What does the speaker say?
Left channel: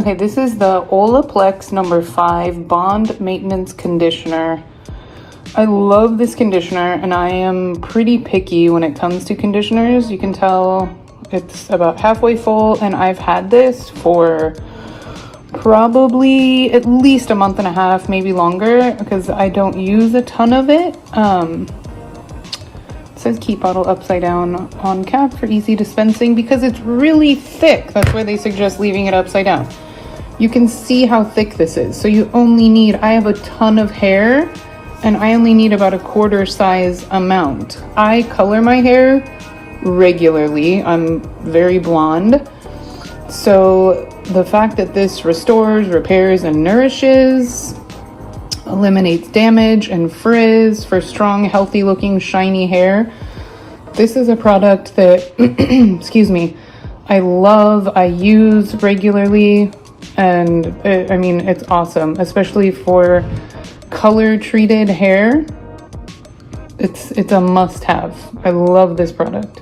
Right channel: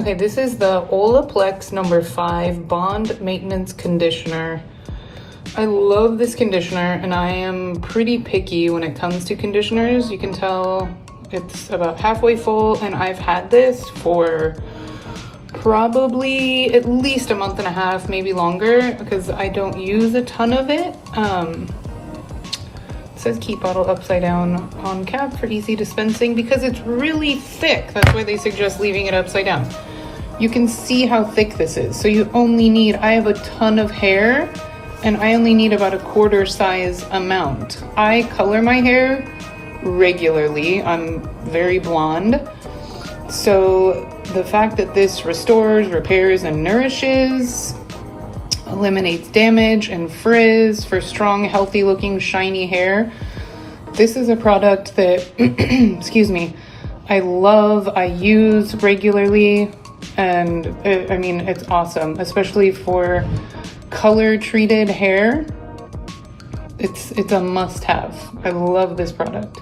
Okay, this is the Olaplex No.5 Bond Maintenance Conditioner. I love this conditioner and I am pretty picky when it comes to conditioners. You can tell it's about halfway full and I've had this for probably at least a month and a half, maybe longer, because I don't use a ton of it. It says keep bottle upside down on cap for easy dispensing because it's really thick. That's why they suggest leaving it upside down. You can see how thick this is. So you only need, I have a ton of hair and I only need about a quarter size amount. I color my hair regularly. I'm very blonde. So the fact that this restores, repairs, and nourishes, eliminates damage and frizz for strong, healthy looking, shiny hair. This is a product that, excuse me, I love, I use regularly, and I mean, it's awesome, especially for color treated hair. It's a must have. I love this product.